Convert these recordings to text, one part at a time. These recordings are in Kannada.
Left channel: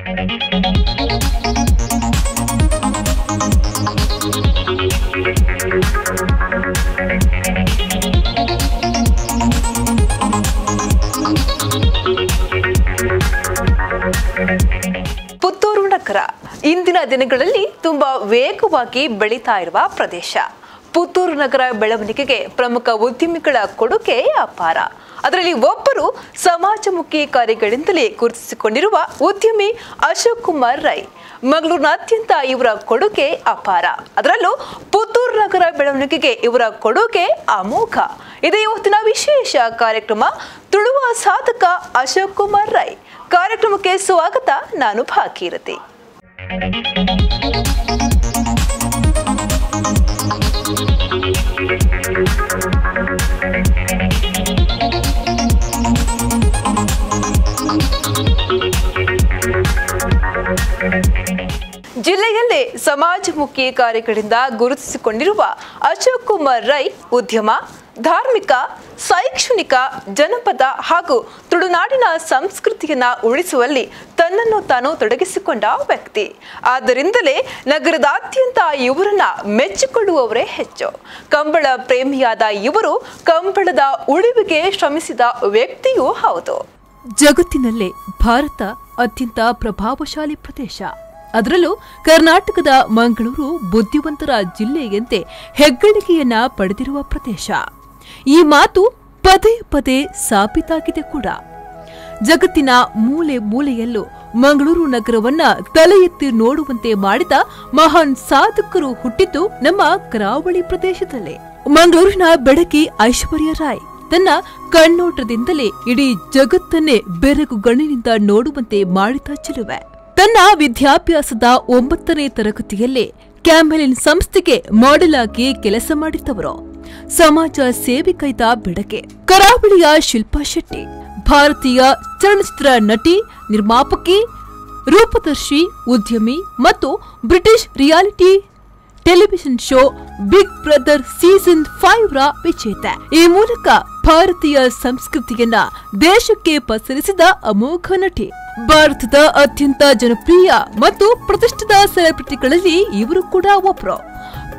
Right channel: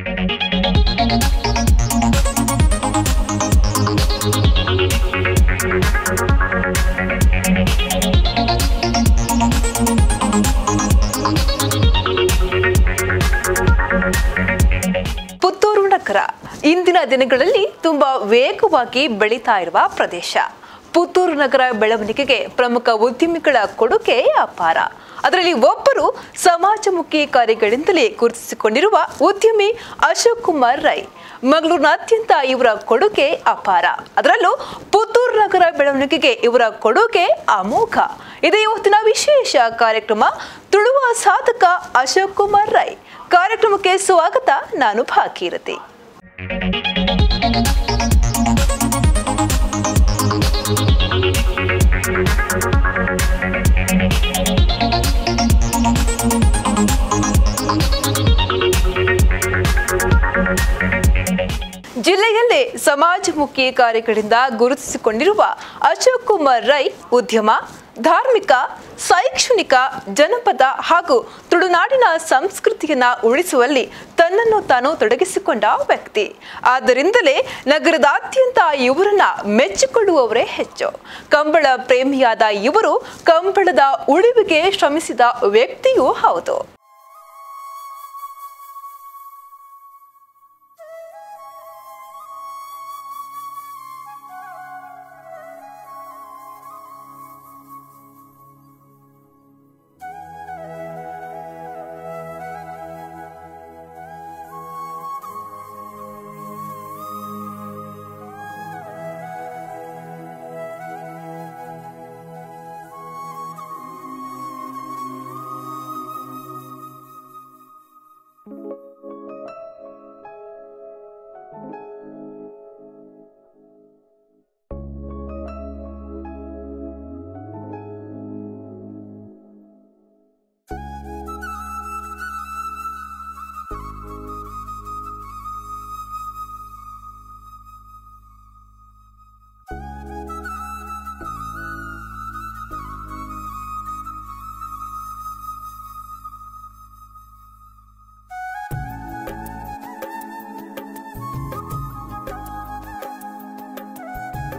ಪುತ್ತೂರು ನಗರ ಇಂದಿನ ದಿನಗಳಲ್ಲಿ ತುಂಬಾ ವೇಗವಾಗಿ ಬೆಳೀತಾ ಇರುವ ಪ್ರದೇಶ. ಪುತ್ತೂರು ನಗರ ಬೆಳವಣಿಗೆಗೆ ಪ್ರಮುಖ ಉದ್ಯಮಿಗಳ ಕೊಡುಗೆ ಅಪಾರ. ಅದರಲ್ಲಿ ಒಬ್ಬರು ಸಮಾಜಮುಖಿ ಕಾರ್ಯಗಳಿಂದಲೇ ಗುರುತಿಸಿಕೊಂಡಿರುವ ಉದ್ಯಮಿ ಅಶೋಕ್ ಕುಮಾರ್ ರೈ. ಮಂಗಳೂರಿನಾದ್ಯಂತ ಇವರ ಕೊಡುಗೆ ಅಪಾರ. ಅದರಲ್ಲೂ ಪುತ್ತೂರು ನಗರ ಬೆಳವಣಿಗೆಗೆ ಇವರ ಕೊಡುಗೆ ಅಮೋಘ. ಇದೇ ಇವತ್ತಿನ ವಿಶೇಷ ಕಾರ್ಯಕ್ರಮ ತುಳುವ ಸಾಧಕ ಅಶೋಕ್ ಕುಮಾರ್ ರೈ. ಕಾರ್ಯಕ್ರಮಕ್ಕೆ ಸ್ವಾಗತ. ನಾನು ಭಾಗೀರಥಿ. ಜಿಲ್ಲೆಯಲ್ಲೇ ಸಮಾಜಮುಖಿ ಕಾರ್ಯಗಳಿಂದ ಗುರುತಿಸಿಕೊಂಡಿರುವ ಅಶೋಕ್ ಕುಮಾರ್ ರೈ ಉದ್ಯಮ, ಧಾರ್ಮಿಕ, ಶೈಕ್ಷಣಿಕ, ಜನಪದ ಹಾಗೂ ತುಳುನಾಡಿನ ಸಂಸ್ಕೃತಿಯನ್ನ ಉಳಿಸುವಲ್ಲಿ ತನ್ನನ್ನು ತಾನು ತೊಡಗಿಸಿಕೊಂಡ ವ್ಯಕ್ತಿ. ಆದ್ದರಿಂದಲೇ ನಗರದಾದ್ಯಂತ ಇವರನ್ನ ಮೆಚ್ಚಿಕೊಳ್ಳುವವರೇ ಹೆಚ್ಚು. ಕಂಬಳ ಪ್ರೇಮಿಯಾದ ಇವರು ಕಂಬಳದ ಉಳಿವಿಗೆ ಶ್ರಮಿಸಿದ ವ್ಯಕ್ತಿಯೂ ಹೌದು. ಜಗತ್ತಿನಲ್ಲೇ ಭಾರತ ಅತ್ಯಂತ ಪ್ರಭಾವಶಾಲಿ ಪ್ರದೇಶ. ಅದರಲ್ಲೂ ಕರ್ನಾಟಕದ ಮಂಗಳೂರು ಬುದ್ಧಿವಂತರ ಜಿಲ್ಲೆಯಂತೆ ಹೆಗ್ಗಳಿಕೆಯನ್ನ ಪಡೆದಿರುವ ಪ್ರದೇಶ. ಈ ಮಾತು ಪದೇ ಪದೇ ಸಾಬೀತಾಗಿದೆ ಕೂಡ. ಜಗತ್ತಿನ ಮೂಲೆ ಮೂಲೆಯಲ್ಲೂ ಮಂಗಳೂರು ನಗರವನ್ನ ತಲೆ ಎತ್ತಿ ನೋಡುವಂತೆ ಮಾಡಿದ ಮಹಾನ್ ಸಾಧಕರು ಹುಟ್ಟಿದ್ದು ನಮ್ಮ ಕರಾವಳಿ ಪ್ರದೇಶದಲ್ಲೇ. ಮಂಗಳೂರಿನ ಬೆಡಗಿ ಐಶ್ವರ್ಯ ರಾಯ್ ತನ್ನ ಕಣ್ಣೋಟದಿಂದಲೇ ಇಡೀ ಜಗತ್ತನ್ನೇ ಬೆರಗುಗಣ್ಣಿನಿಂದ ನೋಡುವಂತೆ ಮಾಡಿದ ಚೆಲುವೆ. ತನ್ನ ವಿದ್ಯಾಭ್ಯಾಸದ 9ನೇ ತರಗತಿಯಲ್ಲೇ ಕ್ಯಾಮೆಲಿನ್ ಸಂಸ್ಥೆಗೆ ಮಾಡೆಲ್ ಆಗಿ ಕೆಲಸ ಮಾಡಿದ್ದವರು. ಸಮಾಜ ಸೇವೆಗೈದ ಬೆಡಗೆ. ಕರಾವಳಿಯ ಶಿಲ್ಪಾ ಶೆಟ್ಟಿ ಭಾರತೀಯ ಚಲನಚಿತ್ರ ನಟಿ, ನಿರ್ಮಾಪಕಿ, ರೂಪದರ್ಶಿ, ಉದ್ಯಮಿ ಮತ್ತು British reality television show Big Brother season 5 ರ ವಿಜೇತೆ. ಈ ಮೂಲಕ ಭಾರತೀಯ ಸಂಸ್ಕೃತಿಯನ್ನ ದೇಶಕ್ಕೆ ಪಸರಿಸಿದ ಅಮೋಘ ನಟಿ. ಭಾರತದ ಅತ್ಯಂತ ಜನಪ್ರಿಯ ಮತ್ತು ಪ್ರತಿಷ್ಠಿತ ಸೆಲೆಬ್ರಿಟಿಗಳಲ್ಲಿ ಇವರು ಕೂಡ ಒಬ್ಬರು.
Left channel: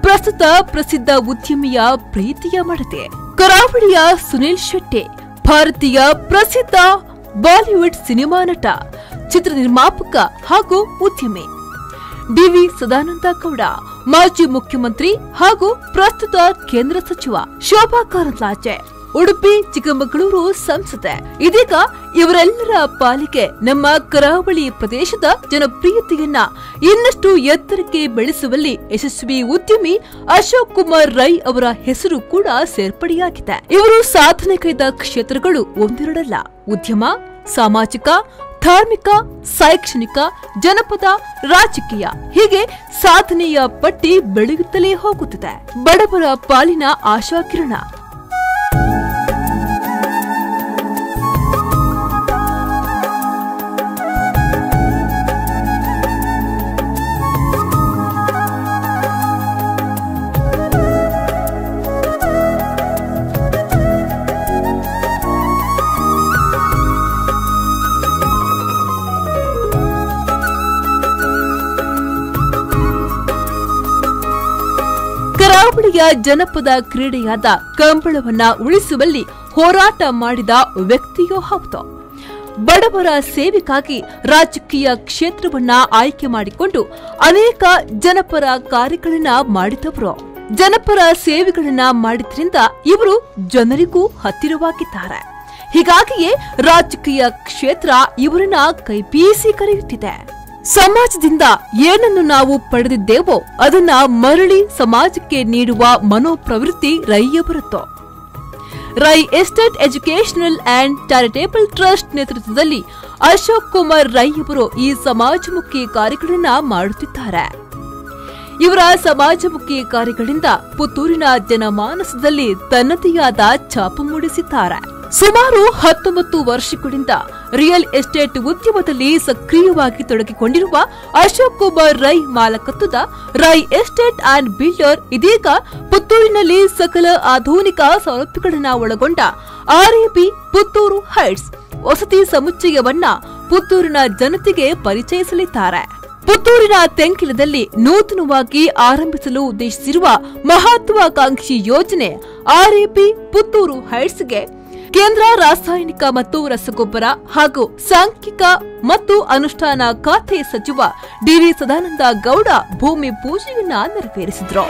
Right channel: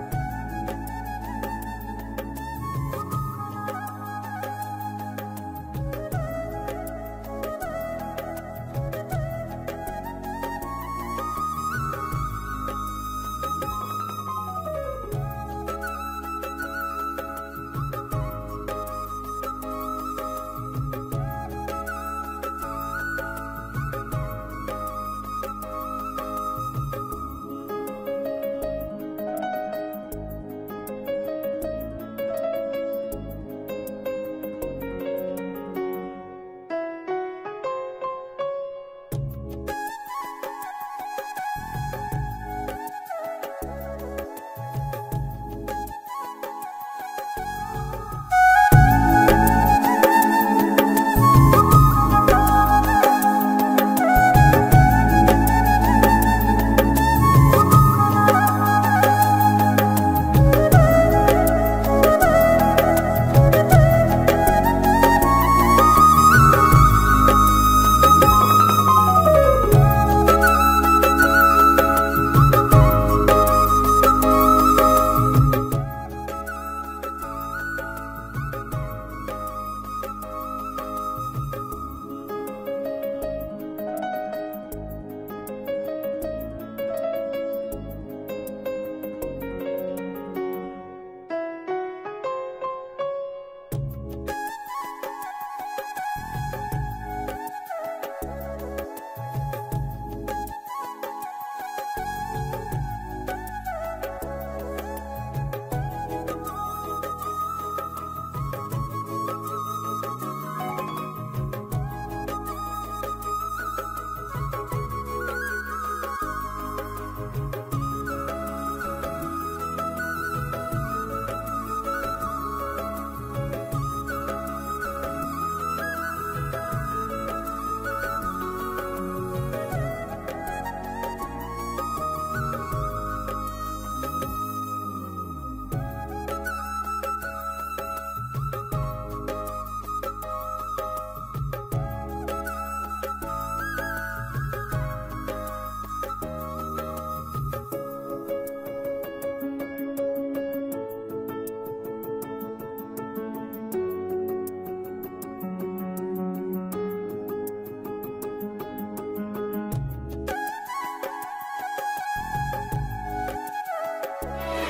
ಪ್ರಸ್ತುತ ಪ್ರಸಿದ್ಧ ಉದ್ಯಮಿಯ ಪ್ರೀತಿಯ ಮಡತೆ. ಕರಾವಳಿಯ ಸುನಿಲ್ ಶೆಟ್ಟಿ ಭಾರತೀಯ ಪ್ರಸಿದ್ಧ ಬಾಲಿವುಡ್ ಸಿನಿಮಾ ನಟ, ಚಿತ್ರ ನಿರ್ಮಾಪಕ ಹಾಗೂ ಉದ್ಯಮಿ. ಡಿ.ವಿ. ಸದಾನಂದ ಗೌಡ ಮಾಜಿ ಮುಖ್ಯಮಂತ್ರಿ ಹಾಗೂ ಪ್ರಸ್ತುತ ಕೇಂದ್ರ ಸಚಿವ. ಶೋಭಾ ಕಾರಂದ್ಲಾಜೆ ಉಡುಪಿ ಚಿಕ್ಕಮಗಳೂರು ಸಂಸದೆ. ಇದೀಗ ಇವರೆಲ್ಲರ ಪಾಲಿಗೆ ನಮ್ಮ ಕರಾವಳಿ ಪ್ರದೇಶದ ಜನಪ್ರಿಯತೆಯನ್ನ ಇನ್ನಷ್ಟು ಎತ್ತರಕ್ಕೆ ಬೆಳೆಸುವಲ್ಲಿ ಯಶಸ್ವಿ ಉದ್ಯಮಿ ಅಶೋಕ್ ಕುಮಾರ್ ರೈ ಅವರ ಹೆಸರು ಕೂಡ ಸೇರ್ಪಡೆಯಾಗಿದೆ. ಇವರು ಸಾಧನೆಗೈದ ಕ್ಷೇತ್ರಗಳು ಒಂದೆರಡಲ್ಲ. ಉದ್ಯಮ, ಸಾಮಾಜಿಕ, ಧಾರ್ಮಿಕ, ಶೈಕ್ಷಣಿಕ, ಜನಪದ, ರಾಜಕೀಯ ಹೀಗೆ ಸಾಧನೆಯ ಪಟ್ಟಿ ಬೆಳೆಯುತ್ತಲೇ ಹೋಗುತ್ತದೆ. ಬಡವರ ಪಾಲಿನ ಆಶಾಕಿರಣ. ಕರಾವಳಿಯ ಜನಪದ ಕ್ರೀಡೆಯಾದ ಕಂಬಳವನ್ನ ಉಳಿಸುವಲ್ಲಿ ಹೋರಾಟ ಮಾಡಿದ ವ್ಯಕ್ತಿಯೂ ಹೌದು. ಬಡವರ ಸೇವೆಗಾಗಿ ರಾಜಕೀಯ ಕ್ಷೇತ್ರವನ್ನ ಆಯ್ಕೆ ಮಾಡಿಕೊಂಡು ಅನೇಕ ಜನಪರ ಕಾರ್ಯಗಳನ್ನ ಮಾಡಿದವರು. ಜನಪರ ಸೇವೆಗಳನ್ನ ಮಾಡಿದ್ರಿಂದ ಇವರು ಜನರಿಗೂ ಹತ್ತಿರವಾಗಿದ್ದಾರೆ. ಹೀಗಾಗಿಯೇ ರಾಜಕೀಯ ಕ್ಷೇತ್ರ ಇವರನ್ನ ಕೈಬೀಸಿ ಕರೆಯುತ್ತಿದೆ. ಸಮಾಜದಿಂದ ಏನನ್ನು ನಾವು ಪಡೆದಿದ್ದೇವೋ ಅದನ್ನ ಮರಳಿ ಸಮಾಜಕ್ಕೆ ನೀಡುವ ಮನೋಪ್ರವೃತ್ತಿ ರೈಯವರದ್ದು. Rai estate educational and charitable trust ನೇತೃತ್ವದಲ್ಲಿ ಅಶೋಕ್ ಕುಮಾರ್ ರೈ ಅವರು ಈ ಸಮಾಜಮುಖಿ ಕಾರ್ಯಗಳನ್ನ ಮಾಡುತ್ತಿದ್ದಾರೆ. ಇವರ ಸಮಾಜಮುಖಿ ಕಾರ್ಯಗಳಿಂದ ಪುತ್ತೂರಿನ ಜನಮಾನಸದಲ್ಲಿ ತನ್ನದೇ ಆದ ಛಾಪು ಮೂಡಿಸಿದ್ದಾರೆ. ಸುಮಾರು 19 ವರ್ಷಗಳಿಂದ ರಿಯಲ್ ಎಸ್ಟೇಟ್ ಉದ್ಯಮದಲ್ಲಿ ಸಕ್ರಿಯವಾಗಿ ತೊಡಗಿಕೊಂಡಿರುವ ಅಶೋಕ್ ಕುಮಾರ್ ರೈ ಮಾಲಕತ್ವದ ರೈ ಎಸ್ಟೇಟ್ ಅಂಡ್ ಬಿಲ್ಡರ್ ಇದೀಗ ಪುತ್ತೂರಿನಲ್ಲಿ ಸಕಲ ಆಧುನಿಕ ಸೌಲಭ್ಯಗಳನ್ನು ಒಳಗೊಂಡ RAB ಪುತ್ತೂರು ಹೈಟ್ಸ್ ವಸತಿ ಸಮುಚ್ಚಯವನ್ನ ಪುತ್ತೂರಿನ ಜನತೆಗೆ ಪರಿಚಯಿಸಲಿದ್ದಾರೆ. ಪುತ್ತೂರಿನ ತೆಂಕಿಲದಲ್ಲಿ ನೂತನವಾಗಿ ಆರಂಭಿಸಲು ಉದ್ದೇಶಿಸಿರುವ ಮಹತ್ವಾಕಾಂಕ್ಷಿ ಯೋಜನೆ ಆರ್ಎಪಿ ಪುತ್ತೂರು ಹೈಟ್ಸ್ಗೆ ಕೇಂದ್ರ ರಾಸಾಯನಿಕ ಮತ್ತು ರಸಗೊಬ್ಬರ ಹಾಗೂ ಸಾಂಖ್ಯಿಕ ಮತ್ತು ಅನುಷ್ಠಾನ ಖಾತೆ ಸಚಿವ ಡಿವಿ ಸದಾನಂದ ಗೌಡ ಭೂಮಿ ಪೂಜೆಯನ್ನ ನೆರವೇರಿಸಿದರು.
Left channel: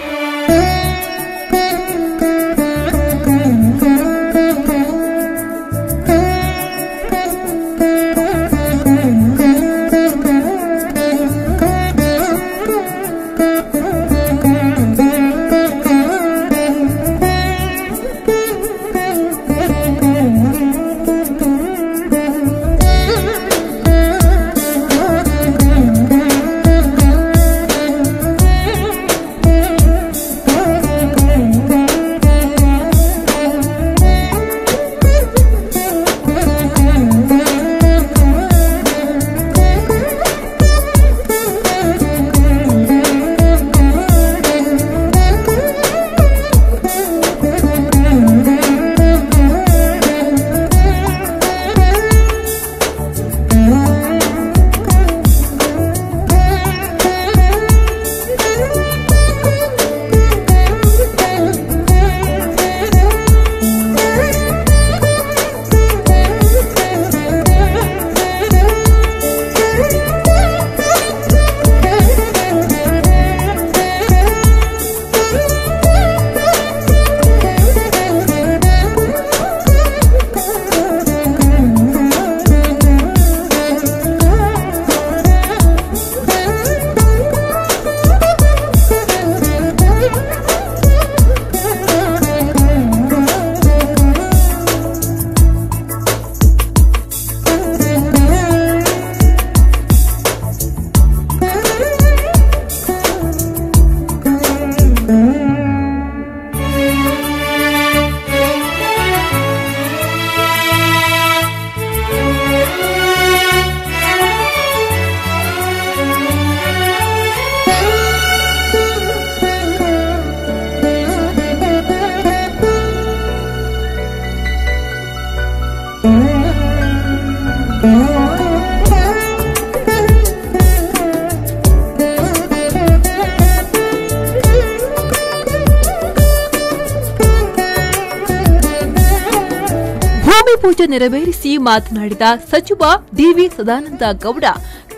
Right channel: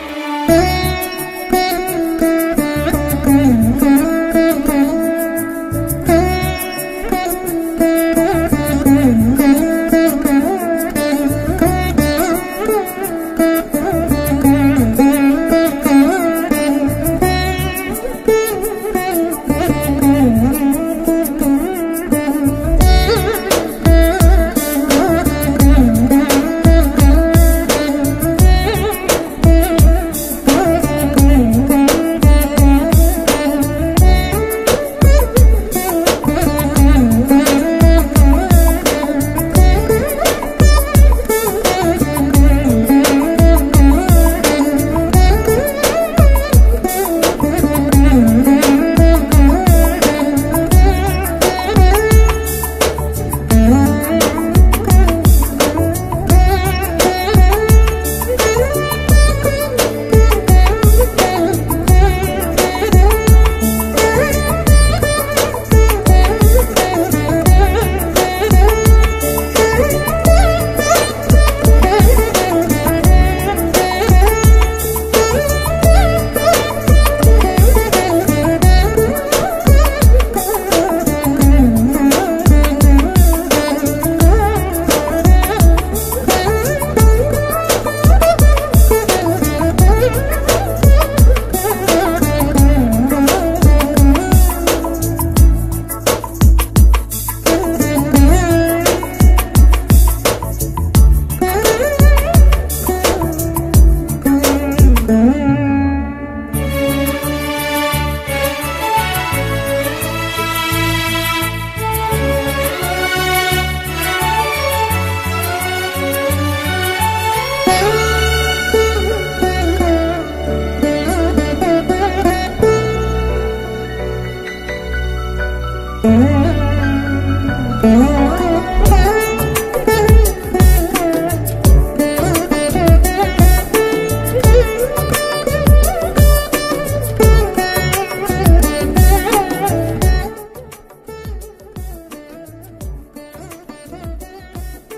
ಪೂಜೆ ನೆರವೇರಿಸಿ ಮಾತನಾಡಿದ ಸಚಿವ ಡಿವಿ ಸದಾನಂದ ಗೌಡ,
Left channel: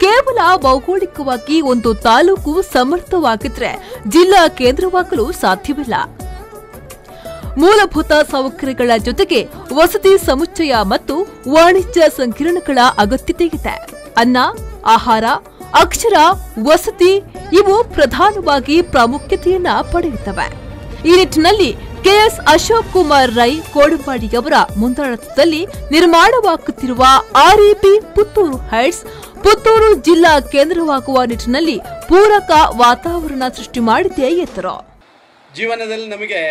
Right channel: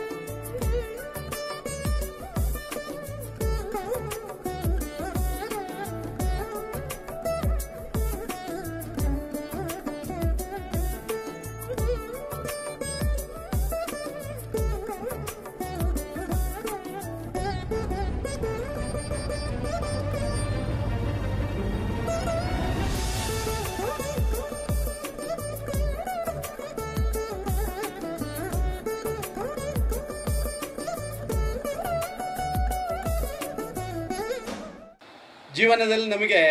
ಕೇವಲ ಭೌಗೋಳಿಕವಾಗಿ ಒಂದು ತಾಲೂಕು ಸಮರ್ಥವಾಗಿದ್ರೆ ಜಿಲ್ಲಾ ಕೇಂದ್ರವಾಗಲು ಸಾಧ್ಯವಿಲ್ಲ. ಮೂಲಭೂತ ಸೌಕರ್ಯಗಳ ಜೊತೆಗೆ ವಸತಿ ಸಮುಚ್ಚಯ ಮತ್ತು ವಾಣಿಜ್ಯ ಸಂಕೀರ್ಣಗಳ ಅಗತ್ಯತೆ ಇದೆ. ಅನ್ನ, ಆಹಾರ, ಅಕ್ಷರ, ವಸತಿ ಇವು ಪ್ರಧಾನವಾಗಿ ಪ್ರಾಮುಖ್ಯತೆಯನ್ನ ಪಡೆಯುತ್ತವೆ. ಈ ನಿಟ್ಟಿನಲ್ಲಿ ಕೆಎಸ್ ಅಶೋಕ್ ಕುಮಾರ್ ರೈ ಕೋಡಂಪಾಡಿಯವರ ಮುಂದಾಳತ್ವದಲ್ಲಿ ನಿರ್ಮಾಣವಾಗುತ್ತಿರುವ ಆರ್ಎಪಿ ಪುತ್ತೂರು ಹೈಟ್ಸ್ ಪುತ್ತೂರು ಜಿಲ್ಲಾ ಕೇಂದ್ರವಾಗುವ ನಿಟ್ಟಿನಲ್ಲಿ ಪೂರಕ ವಾತಾವರಣ ಸೃಷ್ಟಿ ಮಾಡಿದೆ ಎಂದರು. ಜೀವನದಲ್ಲಿ ನಮಗೆ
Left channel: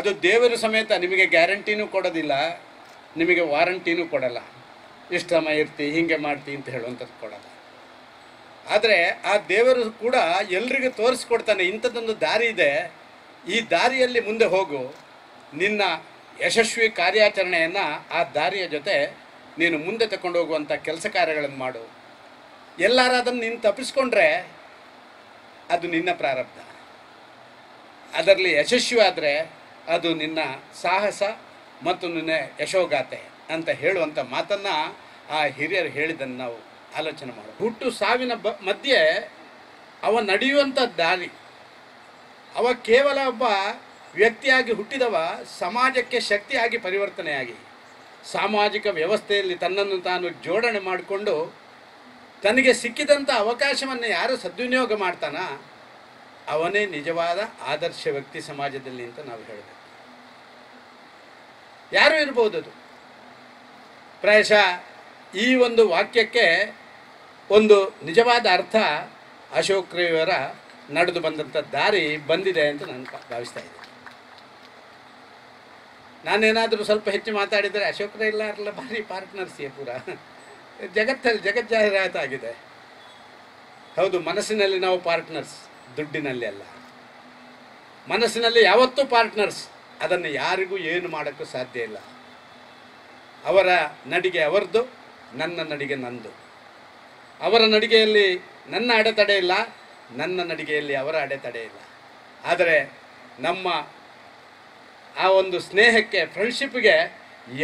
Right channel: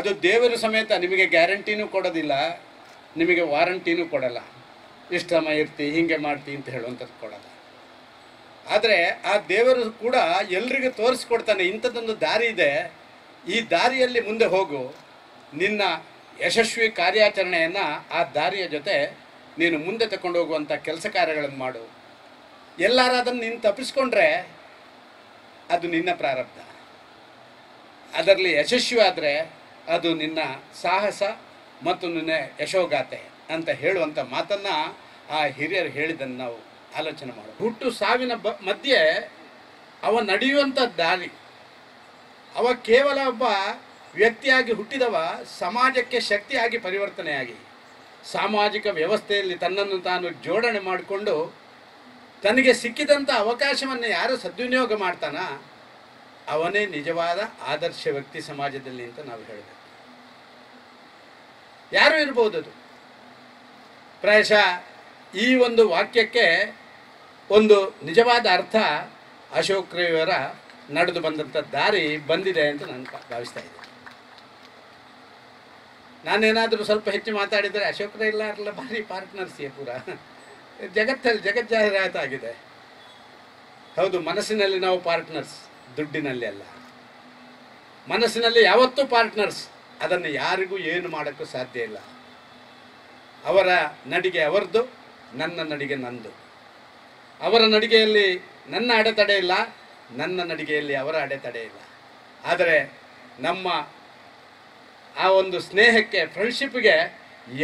ಅದು ದೇವರು ಸಮೇತ ನಿಮಗೆ ಗ್ಯಾರಂಟಿನೂ ಕೊಡೋದಿಲ್ಲ, ನಿಮಗೆ ವಾರಂಟಿನೂ ಕೊಡಲ್ಲ. ಇಷ್ಟು ಸಮಯ ಇರ್ತಿ, ಹಿಂಗೆ ಮಾಡ್ತಿ ಅಂತ ಹೇಳುವಂಥದ್ದು ಕೊಡಲ್ಲ. ಆದರೆ ಆ ದೇವರು ಕೂಡ ಎಲ್ರಿಗೂ ತೋರಿಸ್ಕೊಡ್ತಾನೆ, ಇಂಥದ್ದೊಂದು ದಾರಿ ಇದೆ, ಈ ದಾರಿಯಲ್ಲಿ ಮುಂದೆ ಹೋಗು, ನಿನ್ನ ಯಶಸ್ವಿ ಕಾರ್ಯಾಚರಣೆಯನ್ನು ಆ ದಾರಿಯ ಜೊತೆ ನೀನು ಮುಂದೆ ತಗೊಂಡು ಹೋಗುವಂಥ ಕೆಲಸ ಕಾರ್ಯಗಳನ್ನು ಮಾಡು. ಎಲ್ಲಾರು ಅದನ್ನು ನೀನು ತಪ್ಪಿಸ್ಕೊಂಡ್ರೆ ಅದು ನಿನ್ನ ಪ್ರಾರಬ್ಧ, ಅದರಲ್ಲಿ ಯಶಸ್ವಿ ಆದರೆ ಅದು ನಿನ್ನ ಸಾಹಸ ಮತ್ತು ನಿನ್ನ ಯಶೋಗಾಥೆ ಅಂತ ಹೇಳುವಂಥ ಮಾತನ್ನು ಆ ಹಿರಿಯರು ಹೇಳಿದ್ದನ್ನು ನಾವು ಆಲೋಚನೆ ಮಾಡೋದು. ಹುಟ್ಟು ಸಾವಿನ ಮಧ್ಯೆ ಅವ ನಡೆಯುವಂಥ ದಾರಿ, ಅವ ಕೇವಲ ಒಬ್ಬ ವ್ಯಕ್ತಿಯಾಗಿ ಹುಟ್ಟಿದವ ಸಮಾಜಕ್ಕೆ ಶಕ್ತಿಯಾಗಿ ಪರಿವರ್ತನೆಯಾಗಿ ಸಾಮಾಜಿಕ ವ್ಯವಸ್ಥೆಯಲ್ಲಿ ತನ್ನನ್ನು ತಾನು ಜೋಡಣೆ ಮಾಡಿಕೊಂಡು ತನಗೆ ಸಿಕ್ಕಿದಂಥ ಅವಕಾಶವನ್ನು ಯಾರು ಸದ್ವಿನಿಯೋಗ ಮಾಡ್ತಾನ ಅವನೇ ನಿಜವಾದ ಆದರ್ಶ ವ್ಯಕ್ತಿ ಸಮಾಜದಲ್ಲಿ ಅಂತ ನಾವು ಹೇಳಬೇಕು. ಯಾರು ಇರ್ಬೋದು ಅದು. ಪ್ರಾಯಶಃ ಈ ಒಂದು ವಾಕ್ಯಕ್ಕೆ ಒಂದು ನಿಜವಾದ ಅರ್ಥ ಅಶೋಕ್ ರೈಯವರ ನಡೆದು ಬಂದಂಥ ದಾರಿ ಬಂದಿದೆ ಅಂತ ನಾನು ಭಾವಿಸ್ತಾ ಇದ್ದೀನಿ. ನಾನೇನಾದರೂ ಸ್ವಲ್ಪ ಹೆಚ್ಚು ಮಾತಾಡಿದರೆ ಅಶೋಕ್ ರೈ ಎಲ್ಲ ಭಾರಿ ಪಾರ್ಟ್ನರ್ಸಿಯೇ ಪೂರ ಜಗಜ್ಜಾಹೀರಾತಾಗಿದೆ. ಹೌದು, ಮನಸ್ಸಿನಲ್ಲಿ ನಾವು ಪಾರ್ಟ್ನರ್ಸ್, ದುಡ್ಡಿನಲ್ಲಿ ಅಲ್ಲ. ಮನಸ್ಸಿನಲ್ಲಿ ಯಾವತ್ತೂ ಪಾರ್ಟ್ನರ್ಸ್, ಅದನ್ನು ಯಾರಿಗೂ ಏನು ಮಾಡೋಕ್ಕೂ ಸಾಧ್ಯ ಇಲ್ಲ. ಅವರ ನಡಿಗೆ ಅವರದು, ನನ್ನ ನಡಿಗೆ ನಂದು. ಅವರ ನಡಿಗೆಯಲ್ಲಿ ನನ್ನ ಅಡೆತಡೆ ಇಲ್ಲ, ನನ್ನ ನಡಿಗೆಯಲ್ಲಿ ಅವರ ಅಡೆತಡೆ ಇಲ್ಲ. ಆದರೆ ನಮ್ಮ ಆ ಒಂದು ಸ್ನೇಹಕ್ಕೆ, ಫ್ರೆಂಡ್ಶಿಪ್ಗೆ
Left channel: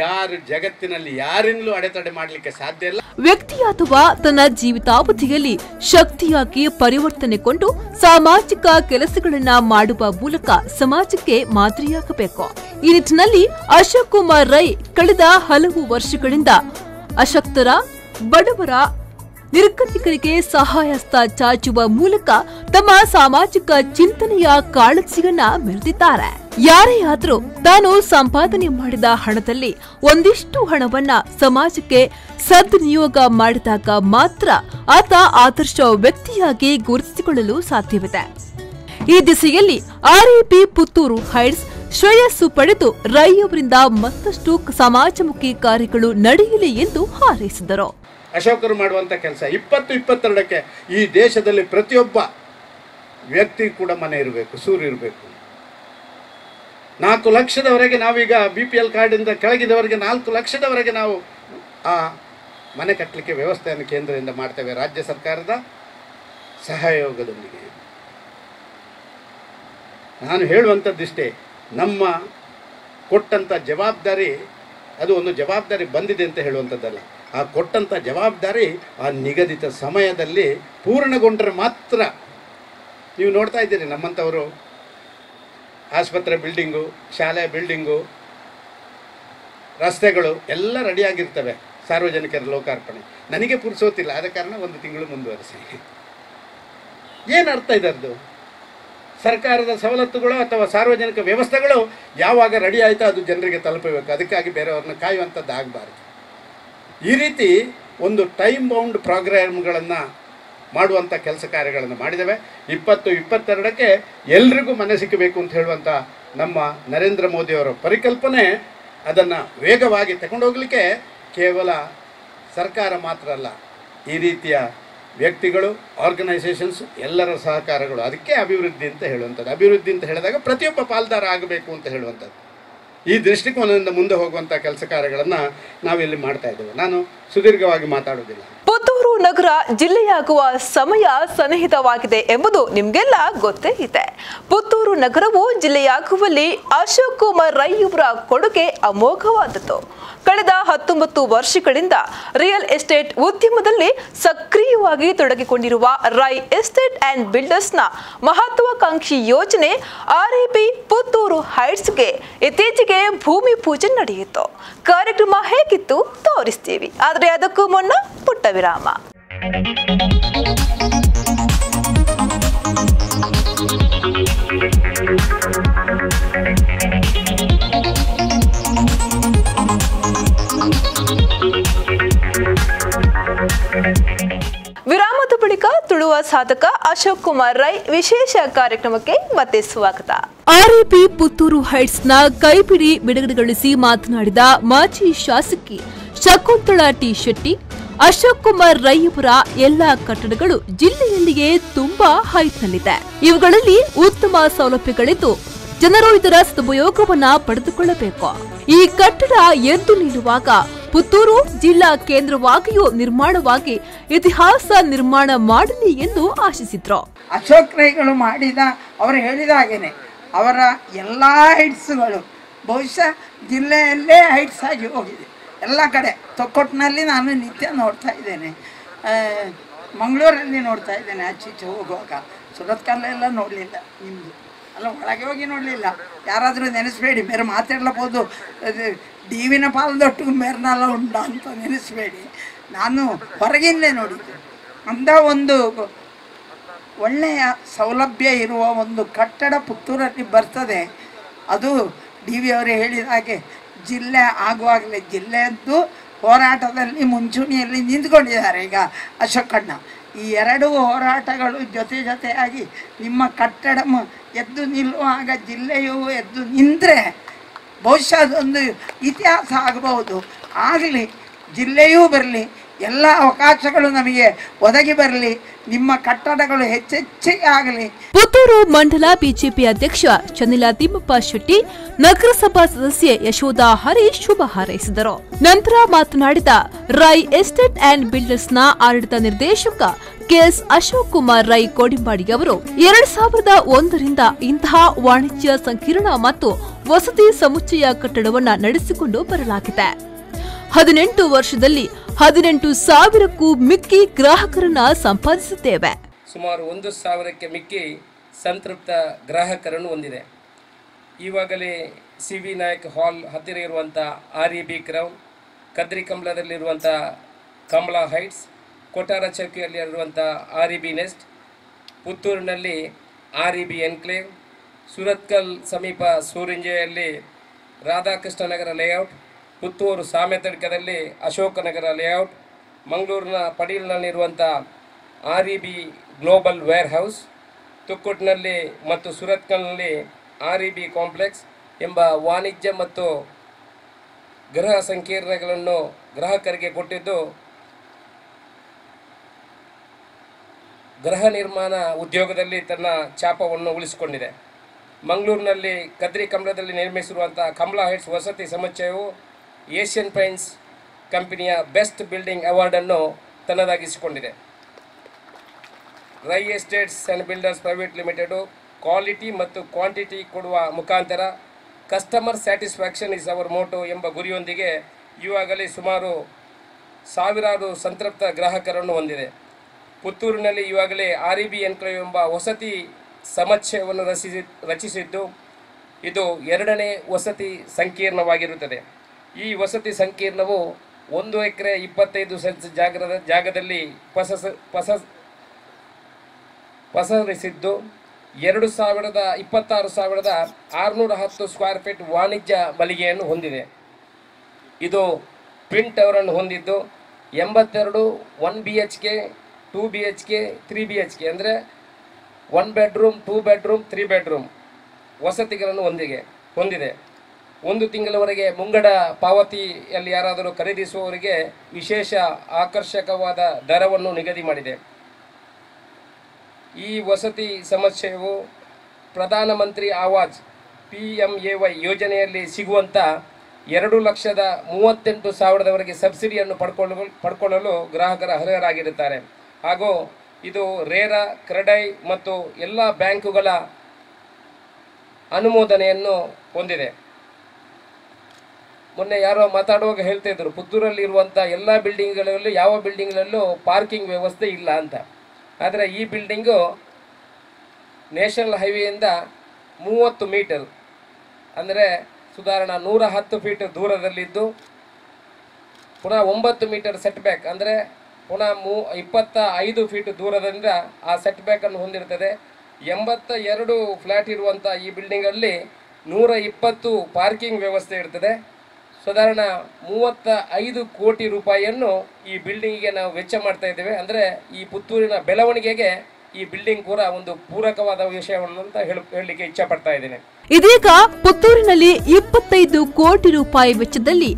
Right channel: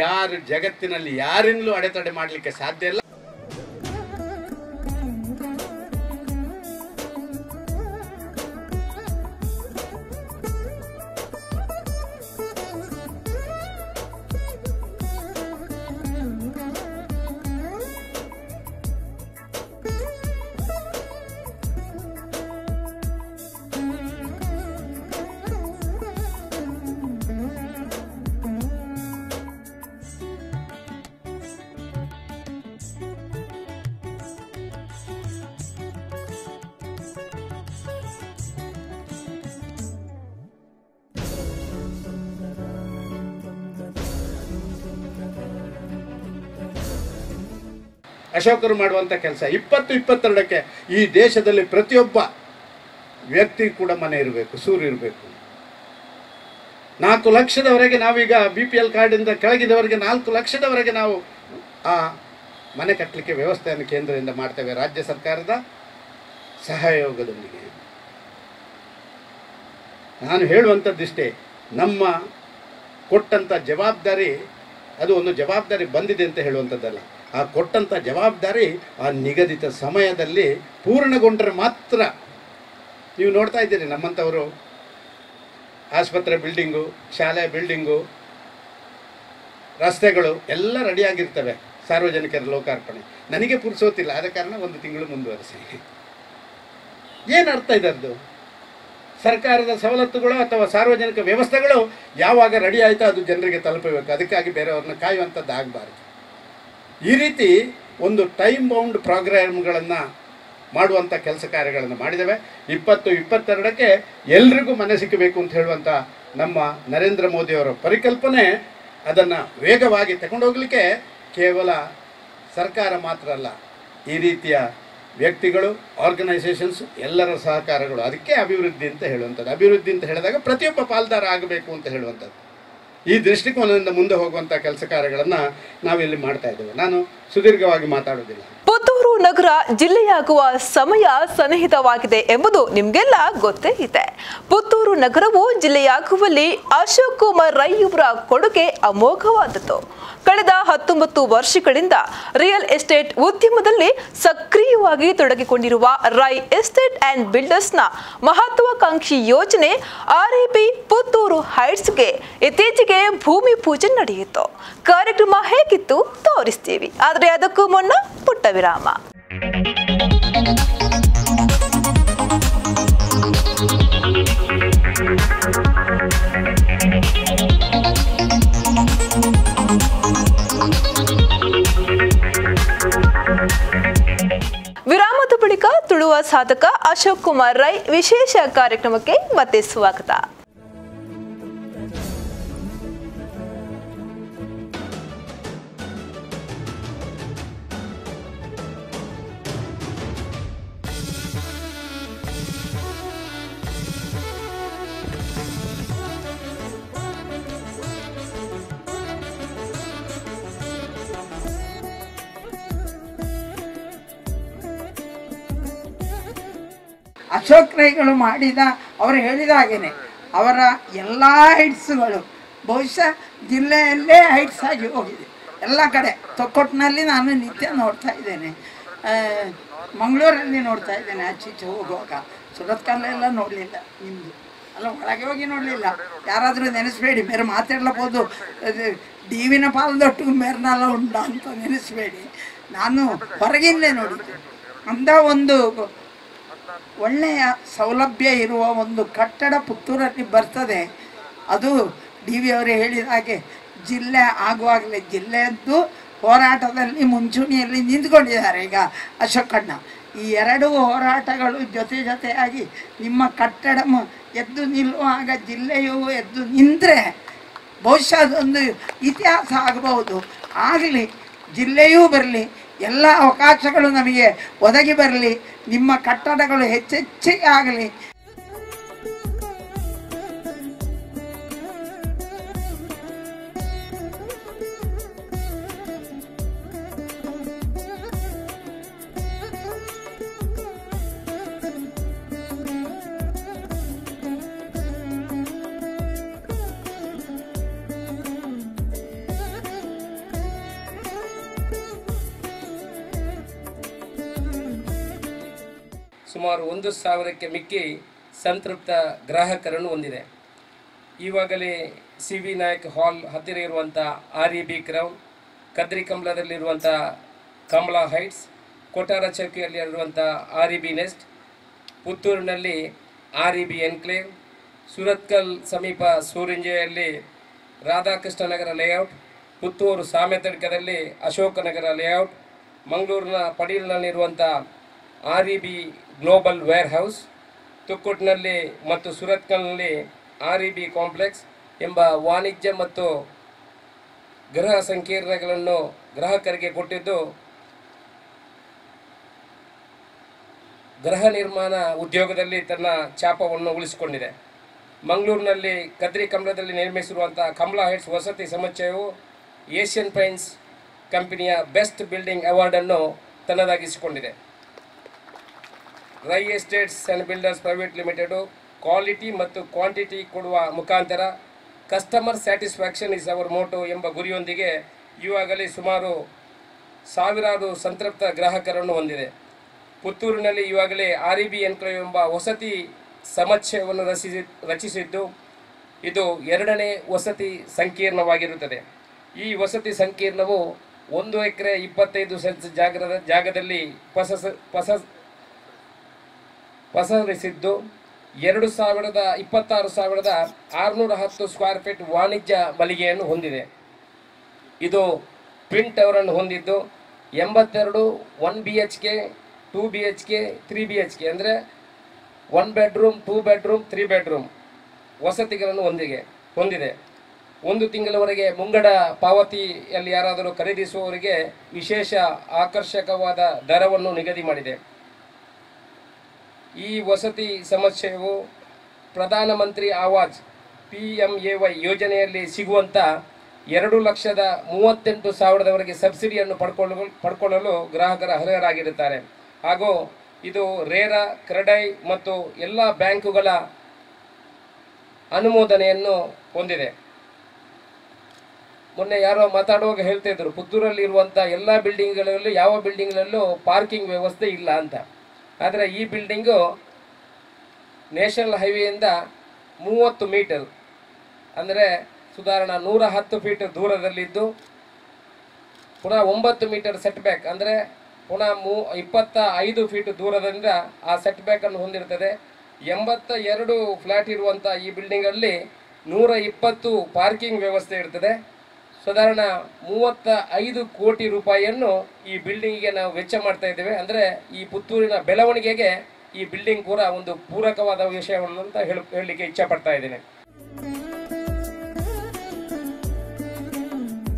ಯಾರು ಜಗತ್ತಿನಲ್ಲಿ ಯಾರಿಂದಲೂ ಅಡೆತಡೆ ಮಾಡಲಿಕ್ಕೆ ಸಾಧ್ಯ ಇಲ್ಲ. ವ್ಯಕ್ತಿ ಅಥವಾ ತನ್ನ ಜೀವಿತಾವಧಿಯಲ್ಲಿ ಶಕ್ತಿಯಾಗಿ ಪರಿವರ್ತನೆಗೊಂಡು ಸಾಮಾಜಿಕ ಕೆಲಸಗಳನ್ನ ಮಾಡುವ ಮೂಲಕ ಸಮಾಜಕ್ಕೆ ಮಾದರಿಯಾಗಬೇಕು. ಈ ನಿಟ್ಟಿನಲ್ಲಿ ಅಶೋಕ್ ಕುಮಾರ್ ರೈ ಕಳೆದ ಹಲವು ವರ್ಷಗಳಿಂದ ಅಶಕ್ತರ, ಬಡವರ, ನಿರ್ಗತಿಕರಿಗೆ ಸಹಾಯಹಸ್ತ ಚಾಚುವ ಮೂಲಕ ತಮ್ಮ ಸಾಮಾಜಿಕ ಚಿಂತನೆಯ ಕಾಳಜಿಯನ್ನ ಮೆರೆದಿದ್ದಾರೆ. ಯಾರೇ ಆದರೂ ತಾನು ಸಂಪಾದನೆ ಮಾಡಿದ ಹಣದಲ್ಲಿ ಒಂದಿಷ್ಟು ಹಣವನ್ನ ಸಮಾಜಕ್ಕೆ ಸದ್ವಿನಿಯೋಗ ಮಾಡಿದಾಗ ಮಾತ್ರ ಆತ ಆದರ್ಶ ವ್ಯಕ್ತಿಯಾಗಿ ಗುರುತಿಸಿಕೊಳ್ಳಲು ಸಾಧ್ಯವಿದೆ. ಈ ದಿಸೆಯಲ್ಲಿ ಆರ್ಎಪಿ ಪುತ್ತೂರು ಹೈಟ್ಸ್ ಶ್ರೇಯಸ್ಸು ಪಡೆದು ರೈ ಅವರಿಂದ ಮತ್ತಷ್ಟು ಸಮಾಜಮುಖಿ ಕಾರ್ಯಗಳು ನಡೆಯಲಿ ಎಂದು ಹಾರೈಸಿದರು. ಅಶೋಕರು ಮಾಡುವಂಥ ಕೆಲಸ 2022ಕ್ಕೆ ಈ ದೇಶದಲ್ಲಿ ಪ್ರತಿಯೊಬ್ಬ ವ್ಯಕ್ತಿ ಕೂಡ ಮನೆ ಇರಬೇಕು, ಸೂರು ಇರಬೇಕು. 4 ಲಕ್ಷದವರೆಗೆ ನಾವೀಗ BPL ಕಾರ್ಡಿಂದ ಕೆಳಗಿದವರೆಗೆ 4 ಲಕ್ಷದವರೆಗೆ ನಾವು ಆ ಮನೆ ಕಟ್ಟಲಿಕ್ಕೆ ವ್ಯವಸ್ಥೆಯನ್ನು ಕೇಂದ್ರದಿಂದ ಮಾಡ್ತೇವೆ, ರಾಜ್ಯ ಸರ್ಕಾರದ ಸಹಯೋಗದೊಂದಿಗೆ. ನಾನು ಹೇಳುವಂಥದ್ದಿಷ್ಟೇ, ನಮ್ಮ ಕೊಟ್ಟಂಥ ಜವಾಬ್ದಾರಿ ಅದು ಒಂದು ಜವಾಬ್ದಾರಿ ಬಂದಿದೆ ಅಂತ ಹೇಳುವಂಥದ್ದಲ್ಲ. ಆ ಕೊಟ್ಟಂಥ ಜವಾಬ್ದಾರಿ ಆ ನಿಗದಿತ ಸಮಯದಲ್ಲಿ ಪೂರ್ಣಗೊಂಡರೆ ಮಾತ್ರ. ನೀವು ನೋಡ್ತಾ ಇದ್ದೀರಿ, ನಮ್ಮಂಥವರು ಆಸ್ಪತ್ರೆ ಬಿಲ್ಡಿಂಗು, ಶಾಲೆ ಬಿಲ್ಡಿಂಗು, ರಸ್ತೆಗಳು ಎಲ್ಲ ರೆಡಿಯಾಗಿರ್ತವೆ ಸಾರ್ವಜನಿಕರ ಲೋಕಾರ್ಪಣೆ. ನನಗೆ ಪುರ್ಸೋತಿಲ್ಲ, ಆದ ಕಾರಣ 1 ತಿಂಗಳು ಮುಂದುವರಿಸಿ. ಏನು ಅರ್ಥ ಇದರದ್ದು? ಸರ್ಕಾರದ ಸವಲತ್ತುಗಳು ಅಥವಾ ಸಾರ್ವಜನಿಕ ವ್ಯವಸ್ಥೆಗಳು ಯಾವಾಗ ರೆಡಿ ಆಯಿತೋ ಅದು ಜನರಿಗೆ ತಲುಪಬೇಕು. ಅದಕ್ಕಾಗಿ ಬೇರೆಯವ್ರನ್ನ ಕಾಯುವಂಥದ್ದು ಆಗಬಾರ್ದು. ಈ ರೀತಿ ಒಂದು ಟೈಮ್ ಬೌಂಡ್ ಪ್ರೋಗ್ರಾಮ್ಗಳನ್ನು ಮಾಡುವಂಥ ಕೆಲಸ ಕಾರ್ಯಗಳನ್ನು ಮಾಡಿದ್ದೇವೆ. 2022ಕ್ಕೆ ಎಲ್ರಿಗೂ ಮನೆ ಸಿಕ್ಕಬೇಕು ಅಂತ ಹೇಳುವಂಥ ನಮ್ಮ ನರೇಂದ್ರ ಮೋದಿಯವರ ಪರಿಕಲ್ಪನೆ, ಅದನ್ನು ವೇಗವಾಗಿ ತಗೊಂಡೋಗಲಿಕ್ಕೆ ಕೇವಲ ಸರ್ಕಾರ ಮಾತ್ರ ಅಲ್ಲ, ಈ ರೀತಿಯ ವ್ಯಕ್ತಿಗಳು, ಆರ್ಗನೈಸೇಷನ್ಸ್ ಎಲ್ಲರ ಸಹಕಾರಗಳು. ಅದಕ್ಕೆ ಅಭಿವೃದ್ಧಿ ಅಂತ ಹೇಳುವಂಥದ್ದು. ಅಭಿವೃದ್ಧಿ ಅಂತ ಹೇಳಿದಾಗ ಪ್ರತಿಯೊಬ್ಬ ಪಾಲ್ದಾರ ಆಗಬೇಕು ಅಂತ ಹೇಳುವಂಥದ್ದು. ಈ ದೃಷ್ಟಿಕೋನದಿಂದ ಮುಂದೆ ಹೋಗುವಂಥ ಕೆಲಸ ಕಾರ್ಯಗಳನ್ನು ನಾವಿಲ್ಲಿ ಮಾಡ್ತಾ ಇದ್ದೇವೆ. ನಾನು ಸುದೀರ್ಘವಾಗಿ ಮಾತಾಡೋದಿಲ್ಲ. ಪುತ್ತೂರು ನಗರ ಜಿಲ್ಲೆಯಾಗುವ ಸಮಯ ಸನ್ನಿಹಿತವಾಗಿದೆ ಎಂಬುದು ನಿಮಗೆಲ್ಲ ಗೊತ್ತೇ ಇದೆ. ಪುತ್ತೂರು ನಗರವು ಜಿಲ್ಲೆಯಾಗುವಲ್ಲಿ ಅಶೋಕ್ ಕುಮಾರ್ ರೈ ಅವರ ಕೊಡುಗೆ ಅಮೋಘವಾದದ್ದು. ಕಳೆದ 19 ವರ್ಷಗಳಿಂದ ರಿಯಲ್ ಎಸ್ಟೇಟ್ ಉದ್ಯಮದಲ್ಲಿ ಸಕ್ರಿಯವಾಗಿ ತೊಡಗಿಕೊಂಡಿರುವ ರೈ ಎಸ್ಟೇಟ್ ಅಂಡ್ ಬಿಲ್ಡರ್ಸ್ನ ಮಹತ್ವಾಕಾಂಕ್ಷಿ ಯೋಜನೆ ಆರ್ಎಪಿ ಪುತ್ತೂರು ಹೈಟ್ಸ್ಗೆ ಇತ್ತೀಚೆಗೆ ಭೂಮಿ ಪೂಜೆ ನಡೆಯಿತು. ಕಾರ್ಯಕ್ರಮ ಹೇಗಿತ್ತು ತೋರಿಸ್ತೀವಿ, ಆದರೆ ಅದಕ್ಕೂ ಮುನ್ನ ಪುಟ್ಟ ವಿರಾಮ. ವಿರಾಮದ ಬಳಿಕ ತುಳುವ ಸಾಧಕ ಅಶೋಕ್ ಕುಮಾರ್ ರೈ ವಿಶೇಷ ಕಾರ್ಯಕ್ರಮಕ್ಕೆ ಮತ್ತೆ ಸ್ವಾಗತ. ಆರ್ಎಪಿ ಪುತ್ತೂರು ಹೈಟ್ಸ್ನ ಕೈಪಿಡಿ ಬಿಡುಗಡೆಗೊಳಿಸಿ ಮಾತನಾಡಿದ ಮಾಜಿ ಶಾಸಕಿ ಶಕುಂತಳಾ ಟಿ ಶೆಟ್ಟಿ, ಅಶೋಕ್ ಕುಮಾರ್ ರೈ ಅವರ ಎಲ್ಲಾ ಕಟ್ಟಡಗಳು ಜಿಲ್ಲೆಯಲ್ಲಿಯೇ ತುಂಬಾ ಹೈಟ್ನಲ್ಲಿದೆ. ಇವುಗಳಲ್ಲಿ ಉತ್ತಮ ಸೌಲಭ್ಯಗಳಿದ್ದು ಜನರು ಇದರ ಸದುಪಯೋಗವನ್ನ ಪಡೆದುಕೊಳ್ಳಬೇಕು. ಈ ಕಟ್ಟಡ ಎದ್ದು ನಿಲ್ಲುವಾಗ ಪುತ್ತೂರು ಜಿಲ್ಲಾ ಕೇಂದ್ರವಾಗಿಯೂ ನಿರ್ಮಾಣವಾಗಿ ಇತಿಹಾಸ ನಿರ್ಮಾಣ ಮಾಡಲಿ ಎಂದು ಆಶಿಸಿದ್ರು. ಅಶೋಕ್ ರೈಗಳು ಮಾಡಿದ, ಅವರು ಹೇಳಿದ ಹಾಗೇನೆ ಅವರ ಎಲ್ಲ ಹೈಟ್ಸ್ಗಳು ಬಹುಶಃ ಜಿಲ್ಲೆಯಲ್ಲೇ ಹೈಟ್ಸ್ ಆಗಿ ಹೋಗಿದೆ. ಎಲ್ಲ ಕಡೆ ತೊಕ್ಕೊಟ್ಟಿನಲ್ಲಿ ನಾನು ನಿತ್ಯ ನೋಡ್ತಾ ಇದ್ದೇನೆ, ಮಂಗಳೂರಲ್ಲಿ ನೋಡ್ತಾ ಇದ್ದೇನೆ, ಆಚೀಚೆ ಹೋಗುವಾಗ. ಸುರತ್ಕಲ್ಲೆಲ್ಲ ನೋಡಲಿಲ್ಲ, ನಿಮ್ಮದು ಅಲ್ಲ ಒಳಗೆ ಹೋಗಿ ನೋಡಲಿಲ್ಲ. ಯಾರಾದರೂ ನೆನೆಸಬೇಡಿ, ಮೇರೆ ಮಾತಾಡ್ಲಬಹುದು, ಡಿವಿನ ಪಾಲದೊಟ್ಟಿಗೆ ಮೇರ್ನೆಲ್ಲ ಉಂಟ ಅಂತ ನೆನೆಸಬೇಡಿ. ನಾನು ಹೊರಗಿಂದಲೇ ನೋಡಿದ್ದೆ. ಅಂಥ ಒಂದು ಒಳ್ಳೆಯ ಸೌಲಭ್ಯ ಇರುವ ಒಂದು ಕಟ್ಟಡ ಪುತ್ತೂರಲ್ಲಿ ಬರ್ತದೆ. ಅದು ಡಿ ವಿ ಅವರೇ ಹೇಳಿದ ಹಾಗೆ ಜಿಲ್ಲೆ ಆಗುವಾಗಲೇ ಜಿಲ್ಲೆಯದ್ದು ಹೋರಾಟದಲ್ಲಿ ಮುಂಚೂಣಿಯಲ್ಲಿ ನಿಂತ್ಕೊಂಡಿದ್ದಾರೆ ಈಗ ಅಶೋಕಣ್ಣ. ಈ ಎರಡೂ ಹೋರಾಟಗಳು ಜೊತೆಯಾಗಿ ನಿಮ್ಮ ಕಟ್ಟಡ ಎದ್ದು ನಿಲ್ಲುವಾಗ ಜಿಲ್ಲೆಯು ಎದ್ದು ನಿಂತರೆ ಬಹುಶಃ ಅದೊಂದು ಇತಿಹಾಸ ಆಗಬಹುದು. ಆಗಲಿ, ಜಿಲ್ಲೆಯೂ ಬರಲಿ, ಎಲ್ಲ ಅವಕಾಶಗಳು ನಮಗೆ ಒದಗಿ ಬರಲಿ, ನಿಮ್ಮ ಕಟ್ಟಡಗಳು ಹೆಚ್ಚೆಚ್ಚಿಗೆ ಆಗಲಿ. ಪುತ್ತೂರು ಮಂಡಲ ಬಿಜೆಪಿ ಅಧ್ಯಕ್ಷ ಚನ್ನಿಲ ತಿಮ್ಮಪ್ಪ ಶೆಟ್ಟಿ, ನಗರಸಭಾ ಸದಸ್ಯೆ ಯಶೋಧ ಹರೀಶ್ ಶುಭ ಹಾರೈಸಿದರು. ನಂತರ ಮಾತನಾಡಿದ ರೈ ಎಸ್ಟೇಟ್ ಅಂಡ್ ಬಿಲ್ಡರ್ಸ್ನ ಆಡಳಿತ ನಿರ್ದೇಶಕ ಕೆಎಸ್ ಅಶೋಕ್ ಕುಮಾರ್ ರೈ ಕೋಡಿಂಬಾಡಿ ಅವರು 2001ರಿಂದ ಇಂತಹ ವಾಣಿಜ್ಯ ಸಂಕೀರ್ಣ ಮತ್ತು ವಸತಿ ಸಮುಚ್ಚಯ ಕಟ್ಟಡವನ್ನು ನಡೆಸಿಕೊಂಡು ಬರಲಾಗಿದೆ. 18 ವರ್ಷದಲ್ಲಿ 18,000ಕ್ಕೂ ಮಿಕ್ಕಿ ಗ್ರಾಹಕರನ್ನ ಸಂಪಾದಿಸಿದ್ದೇವೆ. ಸುಮಾರು 1,000ಕ್ಕೆ ಮಿಕ್ಕಿ ಸಂತೃಪ್ತ ಗ್ರಾಹಕರನ್ನು ಹೊಂದಿದೆ. ಈವಾಗಲೇ ಸಿ.ವಿ. ನಾಯಕ್ ಹಾಲ್ ಹತ್ತಿರ ಇರುವಂಥ REB ಕ್ರೌನ್, ಕದ್ರಿ ಕಂಬಳದಲ್ಲಿರುವಂಥ ಕಮಲಾ ಹೈಟ್ಸ್, ಕೊಟಾರ ಚೌಕಿಯಲ್ಲಿರುವಂಥ REB ನೆಸ್ಟ್, ಪುತ್ತೂರಿನಲ್ಲಿ REB ಎನ್ಕ್ಲೇವ್, ಸುರತ್ಕಲ್ ಸಮೀಪ ಸೂರಿಂಜೆಯಲ್ಲಿ ರಾಧಾಕೃಷ್ಣ ನಗರ ಲೇಔಟ್, ಪುತ್ತೂರು ಸಾಮೆತಡ್ಕದಲ್ಲಿ ಅಶೋಕನಗರ ಲೇಔಟ್, ಮಂಗಳೂರಿನ ಪಡೀಲ್ನಲ್ಲಿರುವಂಥ REB ಗ್ಲೋಬಲ್ ವೇರ್ ಹೌಸ್, ತುಕ್ಕುಟ್ನಲ್ಲಿ ಮತ್ತು ಸುರತ್ಕಲ್ನಲ್ಲಿ REB ಕಾಂಪ್ಲೆಕ್ಸ್ ಎಂಬ ವಾಣಿಜ್ಯ ಮತ್ತು ಗೃಹ ಸಂಕೀರ್ಣಗಳನ್ನು ಗ್ರಾಹಕರಿಗೆ ಕೊಟ್ಟಿದ್ದು ಗೃಹ ನಿರ್ಮಾಣ ಉದ್ಯೋಗದಲ್ಲಿ ತನ್ನ ಛಾಪವನ್ನು ಉಳಿಸಿಕೊಂಡಿದೆ. ಮಂಗಳೂರಿನಲ್ಲಿ ಕದ್ರಿ ಕಂಬಳದಲ್ಲಿ ನಿರ್ಮಿಸಿರುವಂಥ ಕಮಲಾ ಹೈಟ್ಸ್ ವಸತಿ ಸಮುಚ್ಚಯವು ಏಷ್ಯನ್ ಪೈಂಟ್ಸ್ ಕಂಪನಿಯ ಬೆಸ್ಟ್ ಬಿಲ್ಡಿಂಗ್ ಅವಾರ್ಡನ್ನು ತನ್ನದಾಗಿಸಿಕೊಂಡಿದೆ. Rai estates and builders private limited quality ಮತ್ತು ಕ್ವಾಂಟಿಟಿ ಕೊಡುವ ಮುಖಾಂತರ customer satisfaction is our motto ಎಂಬ ಗುರಿಯೊಂದಿಗೆ ಈವಾಗಲೇ ಸುಮಾರು ಸಾವಿರಾರು ಸಂತೃಪ್ತ ಗ್ರಾಹಕರನ್ನು ಹೊಂದಿದೆ. ಪುತ್ತೂರಿನಲ್ಲಿ ಈವಾಗಲೇ REB ಎನ್ಕ್ಲೇವ್ ಎಂಬ ವಸತಿ ಸಮುಚ್ಚಯವನ್ನು ರಚಿಸಿದ್ದು ಇದು 2ನೇ ವಸತಿ ಸಂಕೀರ್ಣವಾಗಿರುತ್ತದೆ. ಈ ವಸತಿ ಸಂಕೀರ್ಣವು 1 ಎಕರೆ 25 ಸೆಂಟ್ಸ್ ಜಾಗದಲ್ಲಿ ಪಸರಿಸಿದ್ದು 26,610 ಸ್ಕ್ವೇರ್ ಫೀಟ್ ವಾಣಿಜ್ಯ ಮಳಿಗೆಯನ್ನು ಹೊಂದಿದೆ. ಇದು ಟ್ವಿನ್ ಟವರ್ ಅನ್ನು ಹೊಂದಿದ್ದು 82 1 BHK 2 BHK 3 BHK ಅಂದರೆ 1 ಬೆಡ್ರೂಮ್ 2 ಬೆಡ್ರೂಮ್ 3 ಬೆಡ್ರೂಮ್ ವಸತಿಗಳನ್ನು ಹೊಂದಿದೆ. 1 ತಿಂಗಳವರೆಗೆ ಮುಂಗಡ ಪಾವತಿಯಲ್ಲಿ ಯಾರಾದರೂ ಖರೀದಿಸುವವರಿಗೆ ವಿಶೇಷ ಆಕರ್ಷಕವಾದ ದರವನ್ನು ನಿಗದಿ ಮಾಡಿದೆ. ಈ ವಸತಿ ಸಮುಚ್ಚಯವು ಪ್ರಧಾನಮಂತ್ರಿ ಆವಾಸ್ PMAY ಯೋಜನೆಯಲ್ಲಿ ಸಿಗುವಂಥ 2,38,000ವರೆಗೆ ಸಬ್ಸಿಡಿಯನ್ನು ಪಡ್ಕೊಳ್ಳಲು ಗ್ರಾಹಕರ ಅರ್ಹರಾಗಿರುತ್ತಾರೆ. ಹಾಗೂ ಇದು ರೇರಾ, ಕ್ರೆಡೈ ಮತ್ತು ಎಲ್ಲ ಬ್ಯಾಂಕುಗಳ ಅನುಮೋದನೆಯನ್ನು ಹೊಂದಿದೆ. ಮೊನ್ನೆ ಯಾರೋ ಮಾತಾಡುವಾಗ ಹೇಳ್ತಾ ಇದ್ರು, ಪುತ್ತೂರಲ್ಲಿ ಇರುವಂಥ ಎಲ್ಲ ಬಿಲ್ಡಿಂಗ್ಗಳಲ್ಲೂ ಯಾವ ಬಿಲ್ಡಿಂಗ್ಗಳಲ್ಲೂ ಪಾರ್ಕಿಂಗ್ ವ್ಯವಸ್ಥೆ ಇಲ್ಲ ಅಂತ. ಆದರೆ ಈ ಬಿಲ್ಡಿಂಗು ನ್ಯಾಷನಲ್ ಹೈವೇಯಿಂದ 30 ಮೀಟರ್ ಅಂದರೆ ಸುಧಾರಣ 110 ಫೀಟ್ ದೂರದಲ್ಲಿದ್ದು, ಪುನಃ 9 ಮೀಟರ್ ಸೆಟ್ ಬ್ಯಾಕ್ ಅಂದರೆ ಪುನಃ 25 ಫೀಟ್ ದೂರದಿಂದ ಆ ಸೆಟ್ ಬ್ಯಾಕನ್ನು ಹೊಂದಿರುತ್ತದೆ. 82 ಫ್ಲ್ಯಾಟ್ ಇರುವಂಥ ಈ ಬಿಲ್ಡಿಂಗಲ್ಲಿ 120 ಪಾರ್ಕಿಂಗ್ ವ್ಯವಸ್ಥೆ ಇರ್ತದೆ. ಸಾಧಾರಣ 35 ಕೋಟಿ ರೂಪಾಯಿಯನ್ನು ಈ ಬಿಲ್ಡಿಂಗಿಗೆ ನಾವು ವೆಚ್ಚ ಮಾಡ್ತಾ ಇದ್ದೇವೆ. ಅಂದರೆ ಈ ಪುತ್ತೂರಿನ ಬೆಳವಣಿಗೆಗೆ ಈ ಬಿಲ್ಡಿಂಗ್ ಕೂಡ ಒಂದು ಪೂರಕವಾದ ವಿಷಯವನ್ನು ಅಂತ ಹೇಳಲಿಕ್ಕೆ ಇಚ್ಛೆ ಪಡ್ತಾ ಇದ್ದೇನೆ. ಇದೀಗ ಪುತ್ತೂರಿನಲ್ಲಿ 25 ಕೋಟಿ ರೂಪಾಯಿ ವೆಚ್ಚದಲ್ಲಿ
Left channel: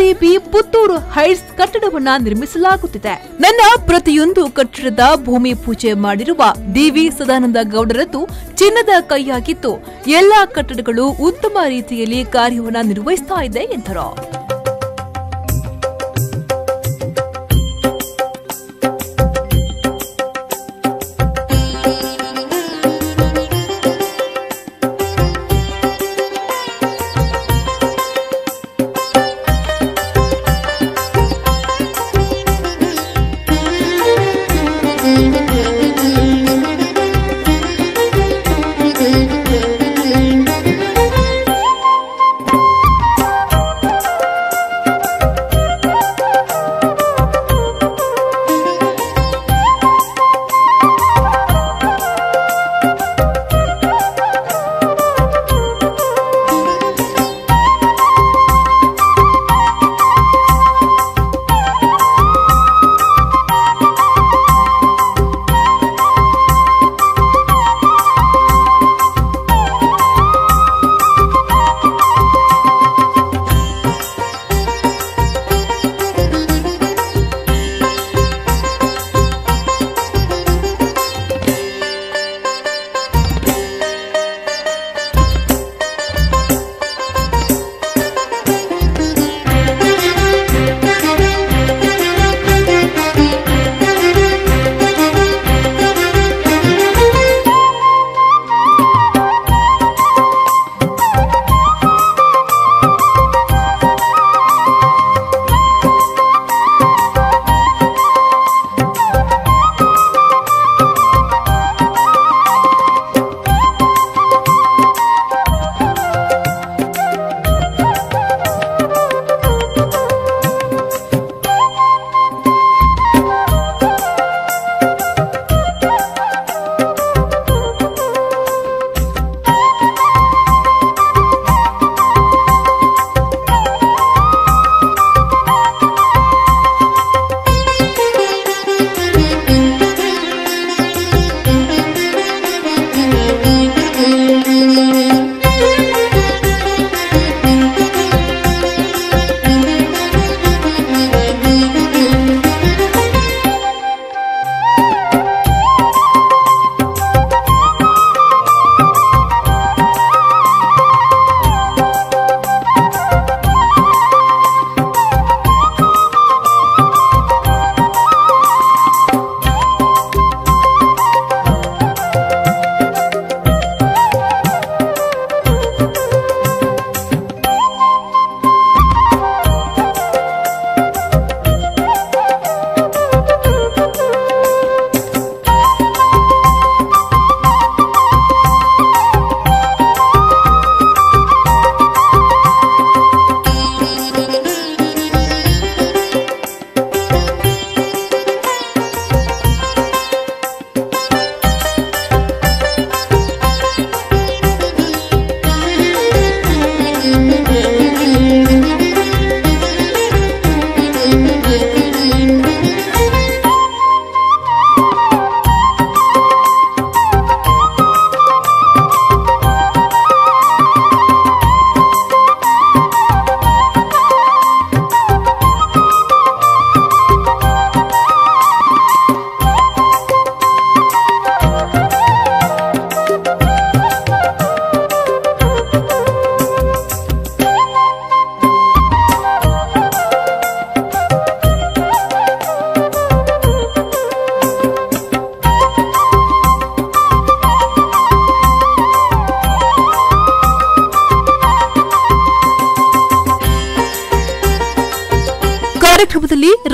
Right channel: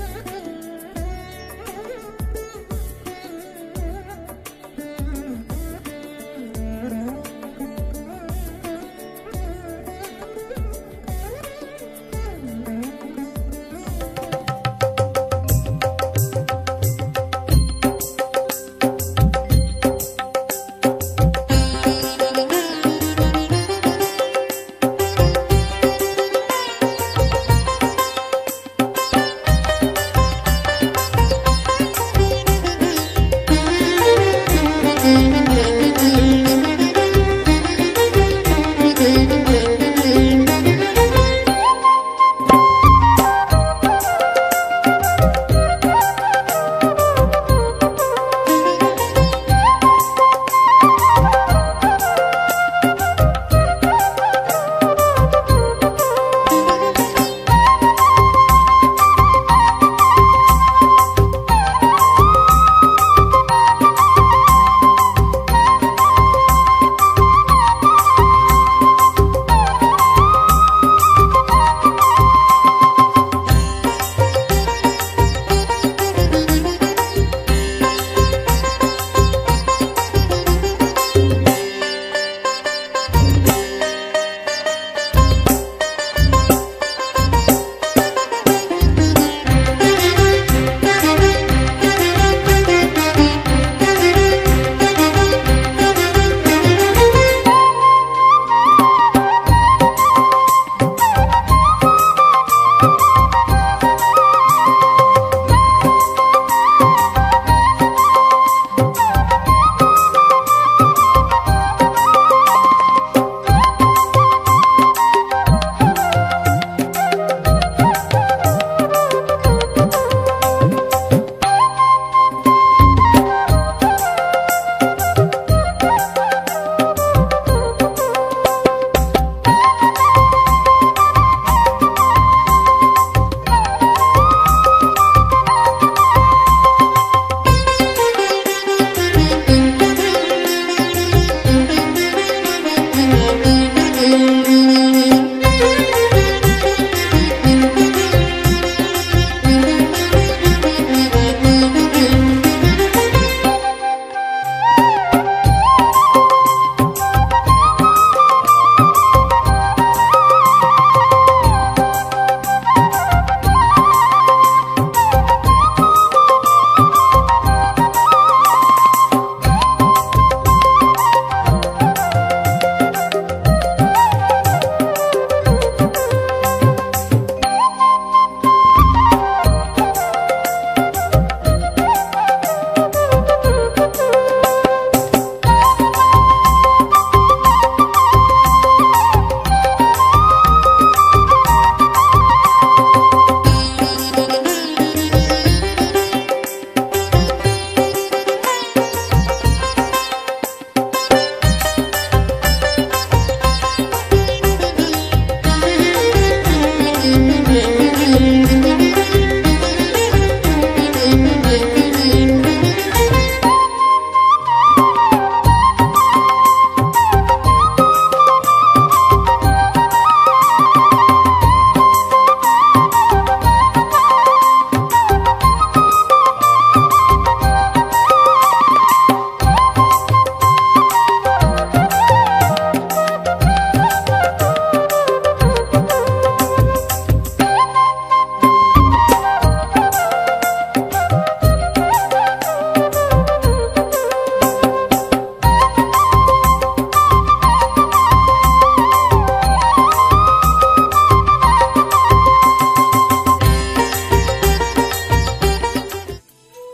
REB ಪುತ್ತೂರು ಹೈಟ್ಸ್ ಕಟ್ಟಡವನ್ನ ನಿರ್ಮಿಸಲಾಗುತ್ತಿದೆ. ನನ್ನ ಪ್ರತಿಯೊಂದು ಕಟ್ಟಡದ ಭೂಮಿ ಪೂಜೆ ಮಾಡಿರುವ DV ಸದಾನಂದ ಗೌಡರದ್ದು ಚಿನ್ನದ ಕೈಯಾಗಿದ್ದು ಎಲ್ಲಾ ಕಟ್ಟಡಗಳು ಉತ್ತಮ ರೀತಿಯಲ್ಲಿ ಕಾರ್ಯವನ್ನ ನಿರ್ವಹಿಸ್ತಾ ಇದೆ ಎಂದರು.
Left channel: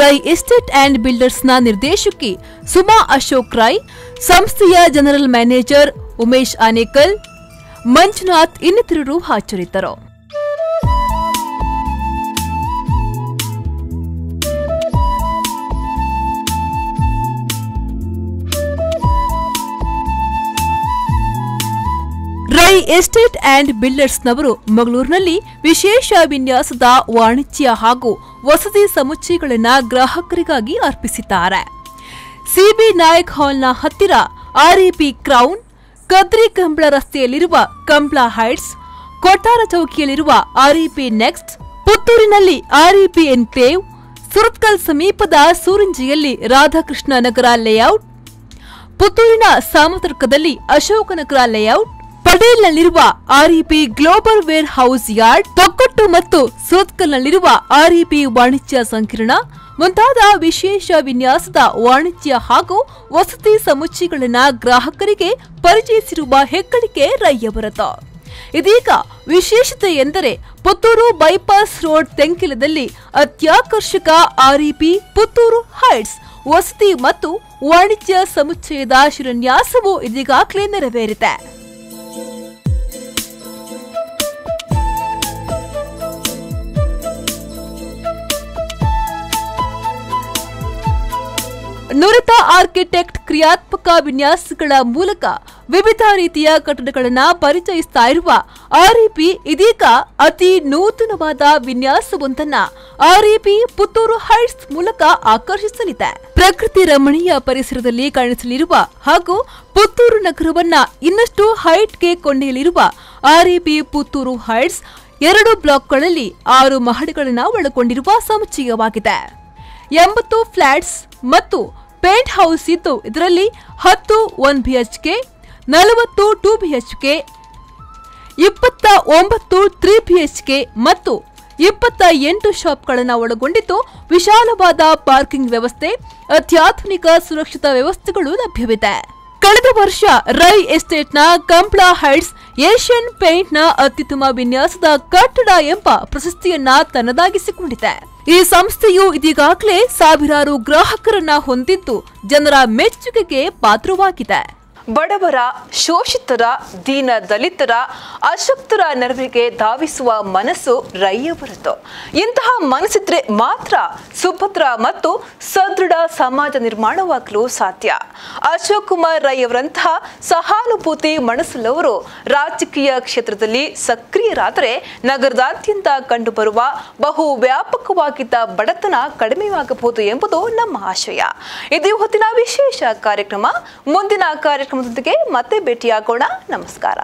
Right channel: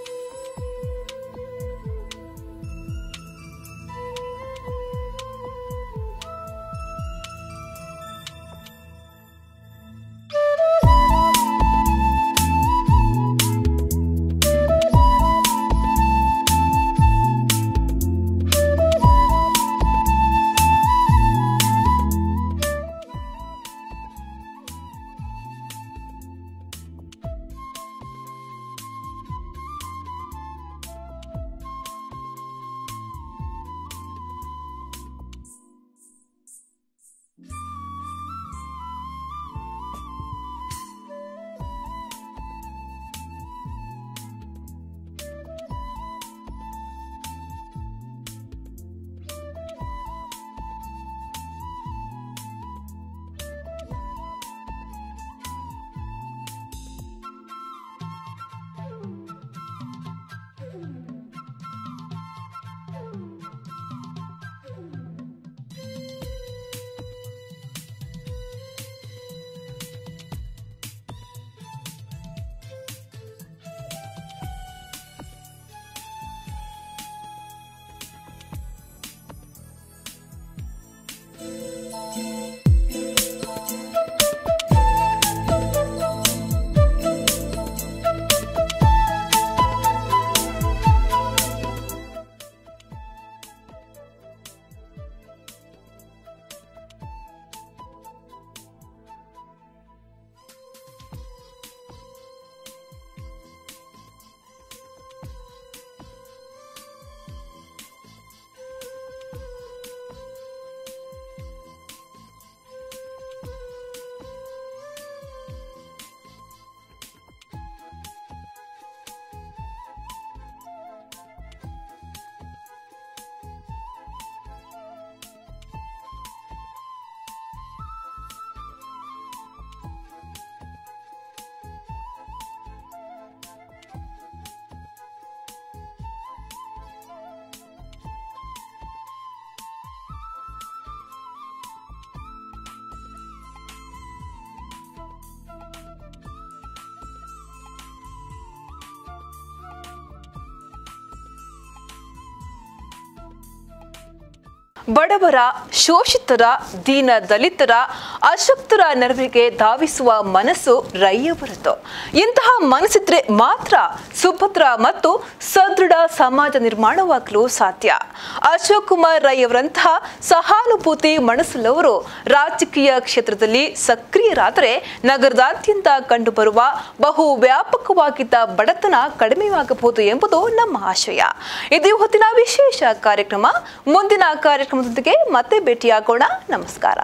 ರೈ ಎಸ್ಟೇಟ್ ಅಂಡ್ ಬಿಲ್ಡರ್ಸ್ನ ನಿರ್ದೇಶಕಿ ಸುಮಾ ಅಶೋಕ್ ರೈ, ಸಂಸ್ಥೆಯ ಜನರಲ್ ಮ್ಯಾನೇಜರ್ ಉಮೇಶ್ ಆನೇಕಲ್, ಮಂಜುನಾಥ್ ಇನ್ನಿತರರು ಹಾಜರಿದ್ದರು. ರೈ ಎಸ್ಟೇಟ್ ಅಂಡ್ ಬಿಲ್ಡರ್ಸ್ನವರು ಮಂಗಳೂರಿನಲ್ಲಿ ವಿಶೇಷ ವಿನ್ಯಾಸದ ವಾಣಿಜ್ಯ ಹಾಗೂ ವಸತಿ ಸಮುಚ್ಚಯಗಳನ್ನು ಗ್ರಾಹಕರಿಗಾಗಿ ಅರ್ಪಿಸಿದ್ದಾರೆ. ಸಿಬಿ ನಾಯಕ್ ಹಾಲ್ನ ಹತ್ತಿರ ಆರ್ಇಪಿ ಕ್ರೌನ್, ಕದ್ರಿ ಕಂಬಳ ರಸ್ತೆಯಲ್ಲಿರುವ ಕಂಬಳ ಹೈಟ್ಸ್, ಕೊಟ್ಟಾರ ಚೌಕಿಯಲ್ಲಿರುವ ಆರ್ಇಪಿ ನೆಕ್ಸ್ಟ್, ಪುತ್ತೂರಿನಲ್ಲಿ ಆರ್ಇಪಿ ಎನ್ಕ್ಲೇವ್, ಸುರತ್ಕಲ್ ಸಮೀಪದ ಸೂರಿಂಜಿಯಲ್ಲಿ ರಾಧಾಕೃಷ್ಣ ನಗರ ಲೇಔಟ್, ಪುತ್ತೂರಿನ ಸಾಮತರ್ಕದಲ್ಲಿ ಅಶೋಕನಗರ ಲೇಔಟ್, ಪಟೇಲ್ನಲ್ಲಿರುವ REB global warehouse yard, Thokkottu ಮತ್ತು ಸುರತ್ಕಲ್ನಲ್ಲಿರುವ ಆರ್ಇಪಿ ವಾಣಿಜ್ಯ ಸಂಕೀರ್ಣ ಮುಂತಾದ ವಿಶೇಷ ವಿನ್ಯಾಸದ ವಾಣಿಜ್ಯ ಹಾಗೂ ವಸತಿ ಸಮುಚ್ಚಯಗಳನ್ನು ಗ್ರಾಹಕರಿಗೆ ಪರಿಚಯಿಸಿರುವ ಹೆಗ್ಗಳಿಕೆ ರೈಯವರದು. ಇದೀಗ ವಿಶೇಷತೆ ಎಂದರೆ ಪುತ್ತೂರು ಬೈಪಾಸ್ ರೋಡ್ ತೆಂಕಿಲದಲ್ಲಿ ಅತ್ಯಾಕರ್ಷಕ ಆರ್ಇಪಿ ಪುತ್ತೂರು ಹೈಟ್ಸ್ ವಸತಿ ಮತ್ತು ವಾಣಿಜ್ಯ ಸಮುಚ್ಚಯದ ಶಿಲಾನ್ಯಾಸವು ಇದೀಗಾಗಲೇ ನೆರವೇರಿದೆ. ನುರಿತ ಆರ್ಕಿಟೆಕ್ಟ್ ಕ್ರಿಯಾತ್ಮಕ ವಿನ್ಯಾಸಗಳ ಮೂಲಕ ವಿವಿಧ ರೀತಿಯ ಕಟ್ಟಡಗಳನ್ನು ಪರಿಚಯಿಸ್ತಾ ಇರುವ ಆರ್ಇಪಿ ಇದೀಗ ಅತಿ ನೂತನವಾದ ವಿನ್ಯಾಸವೊಂದನ್ನ ಆರ್ಇಪಿ ಪುತ್ತೂರು ಹೈಟ್ಸ್ ಮೂಲಕ ಆಕರ್ಷಿಸಲಿದೆ. ಪ್ರಕೃತಿ ರಮಣೀಯ ಪರಿಸರದಲ್ಲಿ ಕಾಣಿಸಲಿರುವ ಹಾಗೂ ಪುತ್ತೂರು ನಗರವನ್ನ ಇನ್ನಷ್ಟು ಹೈಟ್ಗೆ ಕೊಂಡೊಯ್ಯಲಿರುವ ಆರ್ಇಪಿ ಪುತ್ತೂರು ಹೈಟ್ಸ್ 2 ಬ್ಲಾಕ್ಗಳಲ್ಲಿ 6 ಮಹಡಿಗಳನ್ನು ಒಳಗೊಂಡಿರುವ ಸಮುಚ್ಚಯವಾಗಿದೆ. 80 ಫ್ಲಾಟ್ಸ್ ಮತ್ತು ಪೇಂಟ್ ಹೌಸ್ ಇದ್ದು ಇದರಲ್ಲಿ 10 1 BHK, 40 2 BHK, 29 3 BHK ಮತ್ತು 28 ಶಾಪ್ಗಳನ್ನು ಒಳಗೊಂಡಿದ್ದು ವಿಶಾಲವಾದ ಪಾರ್ಕಿಂಗ್ ವ್ಯವಸ್ಥೆ, ಅತ್ಯಾಧುನಿಕ ಸುರಕ್ಷಿತ ವ್ಯವಸ್ಥೆಗಳು ಲಭ್ಯವಿದೆ. ಕಳೆದ ವರ್ಷ ರೈ ಎಸ್ಟೇಟ್ನ ಕಂಬಳ ಹೈಟ್ಸ್ ಏಷ್ಯನ್ ಪೇಂಟ್ನ ಅತ್ಯುತ್ತಮ ವಿನ್ಯಾಸದ ಕಟ್ಟಡ ಎಂಬ ಪ್ರಶಸ್ತಿಯನ್ನ ತನ್ನದಾಗಿಸಿಕೊಂಡಿದೆ. ಈ ಸಂಸ್ಥೆಯು ಇದೀಗಾಗಲೇ ಸಾವಿರಾರು ಗ್ರಾಹಕರನ್ನ ಹೊಂದಿದ್ದು ಜನರ ಮೆಚ್ಚುಗೆಗೆ ಪಾತ್ರವಾಗಿದೆ. ಬಡವರ, ಶೋಷಿತರ, ದೀನ ದಲಿತರ, ಅಶಕ್ತರ ನೆರವಿಗೆ ಧಾವಿಸುವ ಮನಸ್ಸು ರೈಯವರದು. ಇಂತಹ ಮನಸ್ಸಿದ್ರೆ ಮಾತ್ರ ಸುಭದ್ರ ಮತ್ತು ಸದೃಢ ಸಮಾಜ ನಿರ್ಮಾಣವಾಗಲು ಸಾಧ್ಯ. ಅಶೋಕ್ ಕುಮಾರ್ ರೈ ಅವರಂತಹ ಸಹಾನುಭೂತಿ ಮನಸ್ಸುಳ್ಳವರು ರಾಜಕೀಯ ಕ್ಷೇತ್ರದಲ್ಲಿ ಸಕ್ರಿಯರಾದರೆ ನಗರದಾದ್ಯಂತ ಕಂಡುಬರುವ ಬಹು ವ್ಯಾಪಕವಾಗಿದ್ದ ಬಡತನ ಕಡಿಮೆಯಾಗಬಹುದು ಎಂಬುದು ನಮ್ಮ ಆಶಯ. ಇದು ಹೊತ್ತಿನ ವಿಶೇಷ ಕಾರ್ಯಕ್ರಮ. ಮುಂದಿನ ಕಾರ್ಯಕ್ರಮದೊಂದಿಗೆ ಮತ್ತೆ ಭೇಟಿಯಾಗೋಣ. ನಮಸ್ಕಾರ.